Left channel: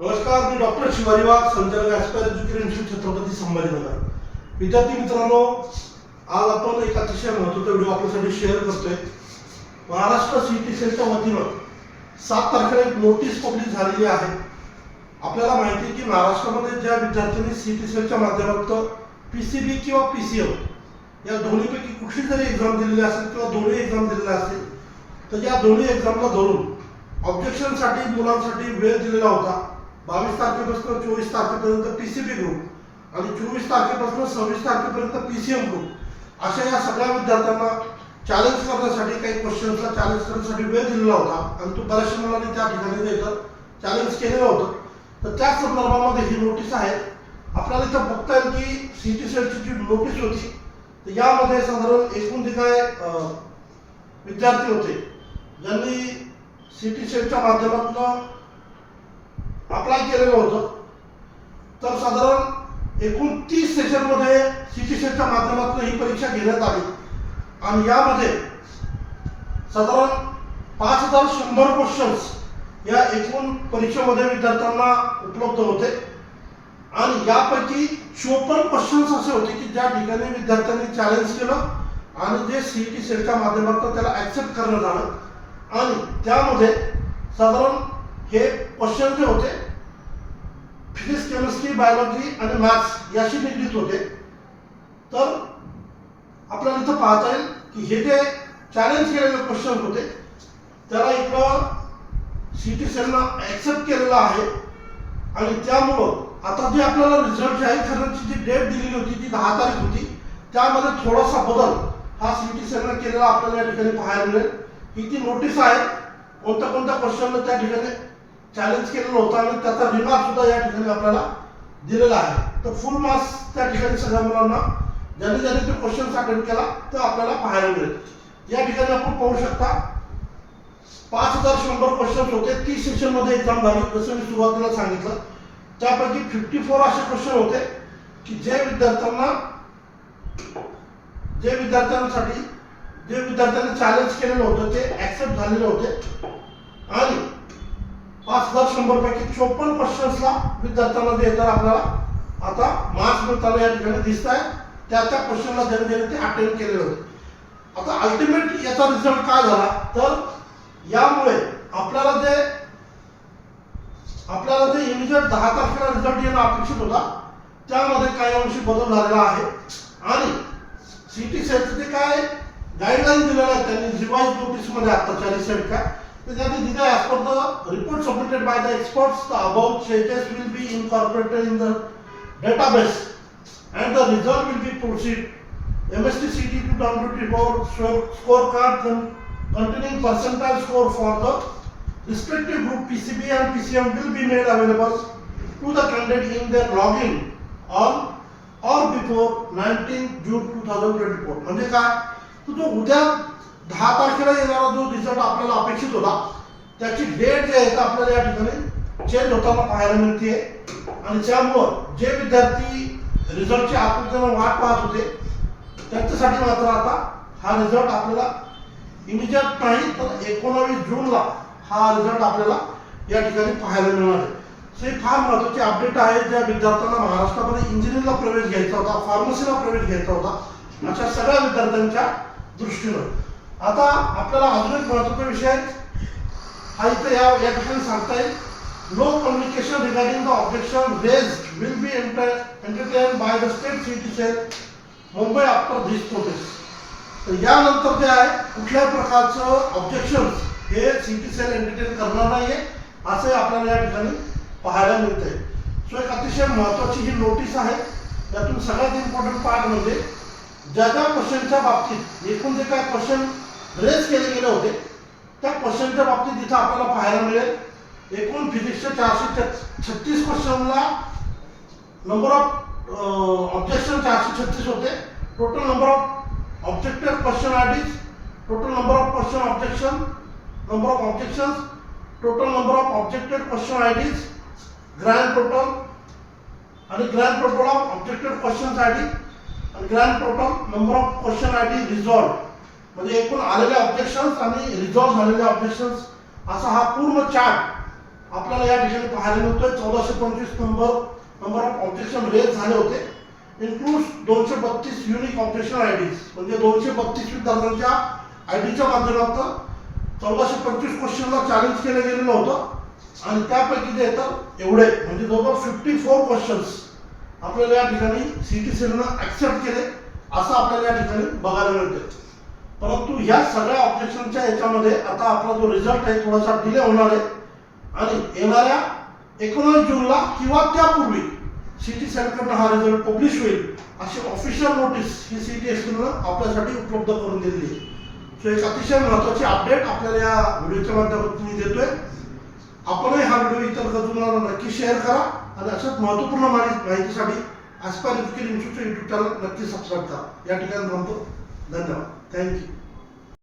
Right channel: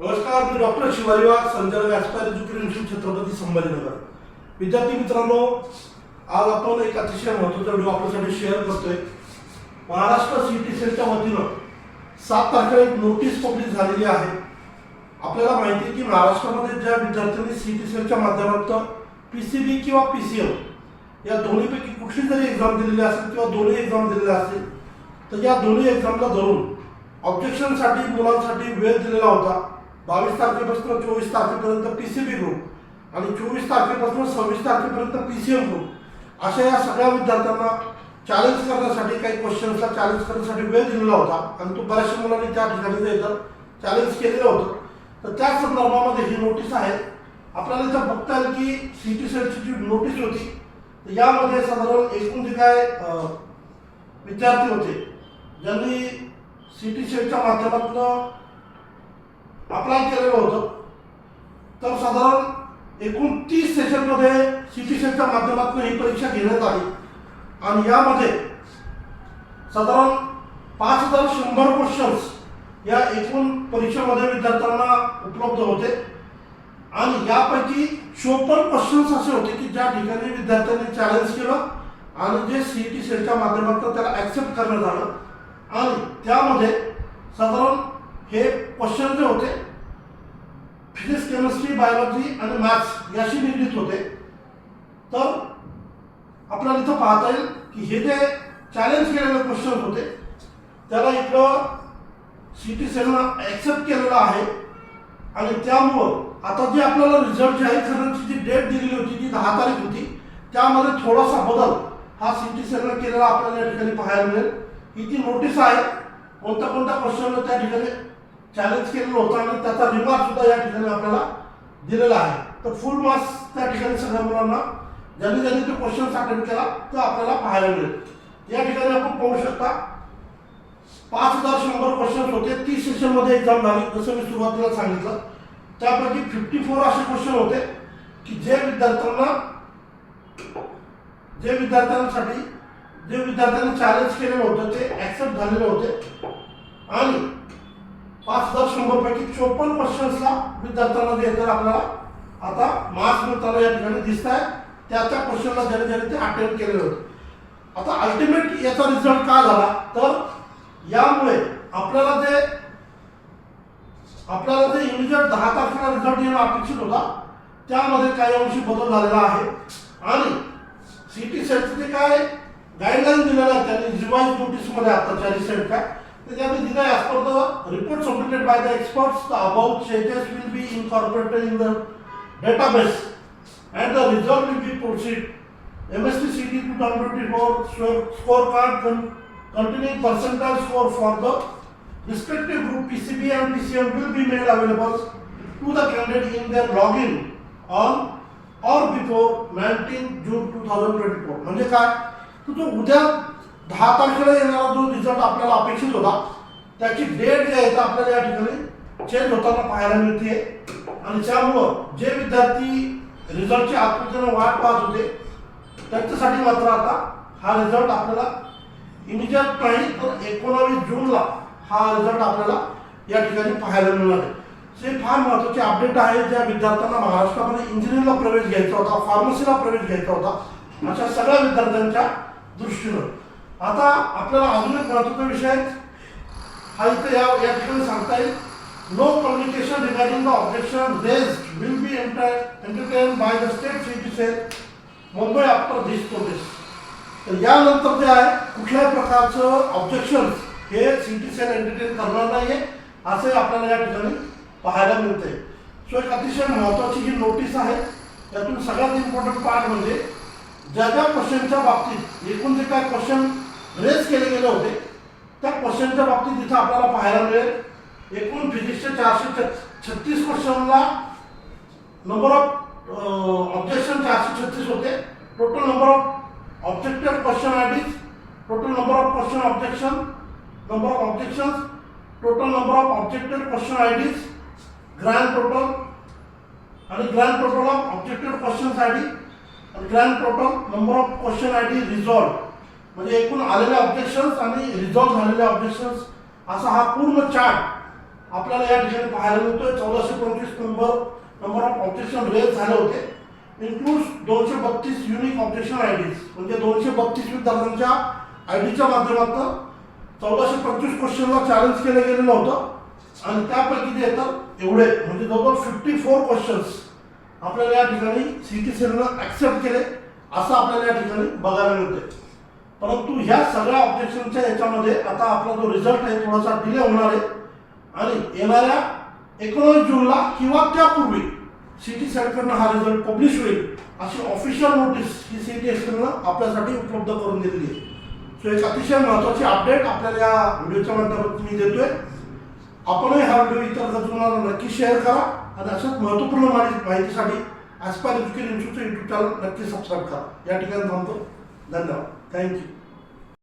नमस्कार मी डॉक्टर शिवाजी वाघ संचालक Aspire Education Institute Chhatrapati Sambhajinagar. विद्यार्थी मित्रांनो आज आपण एक अतिशय महत्त्वाचा व्हिडिओ आपल्यासाठी शेअर करतोय. महाराष्ट्र सी टी सेलच्या वतीनं सात तारखेला एक नोटीस पब्लिक झालेली आहे. आपल्याला माहिती आहे की महाराष्ट्रामध्ये ज्या विद्यार्थ्यांनी सी टी सेलच्या माध्यमातून पी सी बी किंवा पी सी एम या दोन्हीपैकी कुठली जरी एक्झाम दिलेली असेल किंवा दोन्ही एक्झाम दिलेल्या असतील तर या दोन्ही एक्झामला धरून ऑब्जेक्शनसाठी मुलांसाठी वेळ दिलेला होता. बावीस तारखेपासून चोवीस तारखेपर्यंत पी सी बी ग्रुप आणि चोवीस तारखेपासून सव्वीस तारखेपर्यंत पी सी एम ग्रुप अशा या सगळ्या विद्यार्थ्यांना चॅलेंज करण्यासाठी काही क्वेश्चन्सला चॅलेंज करण्यासाठी वेळ दिलेला होता आणि तो बऱ्याचशा मुलांनी त्या ठिकाणी येतं चॅलेंज केलेलं होतं. तर त्या संदर्भामध्ये ही नोटीस आहे. आपल्याला इथं बघता येईल की सी टी सेटची जी नोटीस होती तर यामध्ये साधारण एकूण जे काय विद्यार्थी होते ज्यांनी सी टी सेटच्या माध्यमातून अप्लाय केलेलं होतं. तर साधारण एकूण तीस सेशनमध्ये सी टी सेटच्या माध्यमातून ही परीक्षा घेण्यात आली. आणि यामध्ये साधारण पाच हजार शंभर क्वेश्चन्स या एकूण परीक्षेमध्ये विद्यार्थ्यांना उपलब्ध होते. आणि यापैकी चोपन्न क्वेश्चन्स असे होते की ज्या ठिकाणी विद्यार्थ्यांनी चॅलेंज केलं आणि जे सी टी सेलच्या माध्यमातून त्याला ॲक्सेप्ट करण्यात आलं आणि त्यामध्ये साधारण हे क्वेश्चन जे होते फिजिक्स केमिस्ट्री बायोलॉजी आणि मॅथ्स याशी निगडीत होते. तर आपल्याला इथं पाहता येईल की हे जे चॅलेंज केलेले क्वेश्चन होते त्याला इकडं सी टी सेलनं ॲक्सेप्ट केलेलं आहे. आणि त्यामुळं आता जे आपल्याला रिझल्ट जाहीर करण्याची जी डेट दिलेली होती ती दहा तारीख होती त्यामध्ये थोडासा बदल हा सी टी सेलनं केलेला आपल्याला या ठिकाणी पाहायला मिळेल. ही ती नोटीस आहे कोणत्या कोणत्या क्वेश्चनला त्या ठिकाणी चॅलेंज केलेलं होतं आणि त्याचा रिमार्क सुद्धा या ठिकाणी आपल्याला दिलेला आहे. तर फुल मार्क्स त्या ठिकाणी सगळ्या मुलांना ज्यांनी ज्यांनी तो क्वेश्चन अटेंड केला तो आपल्याला पाहायला मिळेल. या ठिकाणी आपण पाहू शकता पाच हजार शंभर क्वेश्चन होते. तीस सेशनमध्ये एक्झाम झाली जसं मी सुरुवातीला सांगितलं. त्यापैकी फिफ्टी फोर असे क्वेश्चन होते की जे विद्यार्थ्यांना जे विद्यार्थ्यांसाठी जे विद्यार्थ्यांनी चॅलेंज केलेलं होतं ते ॲक्सेप्ट झालेले होते. आणि पाच हजार शंभर पैकी चोपन्न क्वेश्चन्सला विद्यार्थ्यांना जे आपल्याला. आता मार्क्स मिळताना या ठिकाणी दिसत आहे त्या त्या क्वेश्चनला ज्याने ज्याने ते अटेंड केले होते. आता अल्टिमेट याचा रिझल्ट काय झाला? तर यामुळे आपल्याला जे आपल्याला जे इमिजिएट दहा तारखेला रिझल्ट येणं अपेक्षित होता त्यामध्ये काही अंशी बदल झालेला आहे. आणि सिटी सेटचे काय गाईडलाईन दिलेल्या आहेत त्यांनी रिवाईज नोटीसमध्ये आत्ताच्या रिसेंट काय त्यांनी दिलं आहे as per the report submitted by the experts the about changes will be incorporated in the database and the result will be proceed. MST CD 2024 scorecard con- containing percentile score for the respective group PCB and PCM will be made available to the candidate in their login on or before 19 June 2024. म्हणजे काय तर जो उद्या दहा तारखेला येणारा जो result आपल्याला अपेक्षित होता त्याची डेट जी आहे ती आपल्याला या ठिकाणी चेंज होताना पाहायला मिळते आणि त्यामुळं जे विद्यार्थी रिझल्टची आकृतीनं वाट पाहत होते त्यांच्यासाठी मात्र आता हा रिझल्ट आपल्याला इमिजिएट नाही तर एकोणावीस जूनला हा रिझल्ट आपल्याला या ठिकाणी पाहायला मिळणार आहे. सो हे फार महत्त्वाचे अपडेट आहे. ज्या विद्यार्थ्यांना महाराष्ट्रामध्ये इंजिनिअरिंगला प्रवेश घ्यायचा होता फार्मसीला प्रवेश घ्यायचा होता अशा सगळ्या विद्यार्थ्यांच्या दृष्टीनं. आता आपल्याला अजून एक महत्त्वाचा विषय हा इथं या या ठिकाणी सांगता येईल. No communication regarding the objection raised will be enter entertain by the state city Mumbai after this notice तर यानंतर जे आहे कुठल्याही प्रकारचं ऑब्जेक्शन हे सिटी सेल एंटरटेन करणार नाहीये असं आपल्याला या ठिकाणी पाहायला मिळते सो एक अतिशय महत्त्वाची ही नोटीस आहे त्यातून सगळ्यात इम्पॉर्टंट पार्ट म्हणजे ज्या ज्या क्वेश्चनच्या बाबतीत एकूण जे काय क्वेश्चन रेज केले गेले होते त्या क्वेश्चनच्या बाबतीत तिथं आपल्याला पाहायला मिळेल. एकूण फिजिक्सचे चारशे छत्तीस क्वेश्चनला नंबर ऑफ ऑब्जेक्शन चारशे छत्तीस होते. Total number of objected question IDs total number of question objection number of objection total number of objected question IDs grand total आणि grand total of objected question ID आणि grand total number of question ID resolve म्हणजे एकूण आलेल्या objections आणि resolve झालेल्या objections असा हा पूर्ण चार्ट आपल्याला या ठिकाणी पाहायला मिळतोय. चौदाशे पंचवीस number number of objection raise झाले होते. इन्क्लूड दोनशे बत्तीस युनिक ऑब्जेक्शन आय डीज म्हणजे दोनशे बत्तीस विद्यार्थ्यांच्या आय डीच्या माध्यमातून चौदाशे पंचवीस क्वेश्चनला चॅलेंज केलं गेलेलं होतं. आणि त्यापैकी जे येतात एवढे. म्हणजे जवळजवळ फिफ्टी फोर क्वेश्चन्स आपल्याला या ठिकाणी सी टी सीनं ॲक्सेप्ट केले असं आपल्याला या ठिकाणी बघायला मिळते परंतु ह्या सगळ्या ऑब्जेक्शनच्या याच्यामध्ये आता आपला जो रिझल्ट आहे थोडासा डिले होणार आहे. आणि येणाऱ्या एकोणावीस जूनला किंवा त्यापूर्वी सिटी सेंटरनं हा रिझल्ट पब्लिश होईल अशी ऑफिशियल नोटीस ही सिटी टी एक्सनं आपल्यासाठी उपलब्ध करून दिलेली आहे. सो एक अतिशय महत्त्वाची अपडेट आपल्याला या व्हिडिओच्या माध्यमातून मी देतोय. आपणही हा व्हिडिओ इतर गजूंना नक्की शेअर करा आणि अशाच महत्त्वपूर्ण माहिती माहितीसाठी Aspire Education Institute YouTube channel नक्की सबस्क्राईब करा. या ठिकाणी थांबतो. धन्यवाद. Thank you.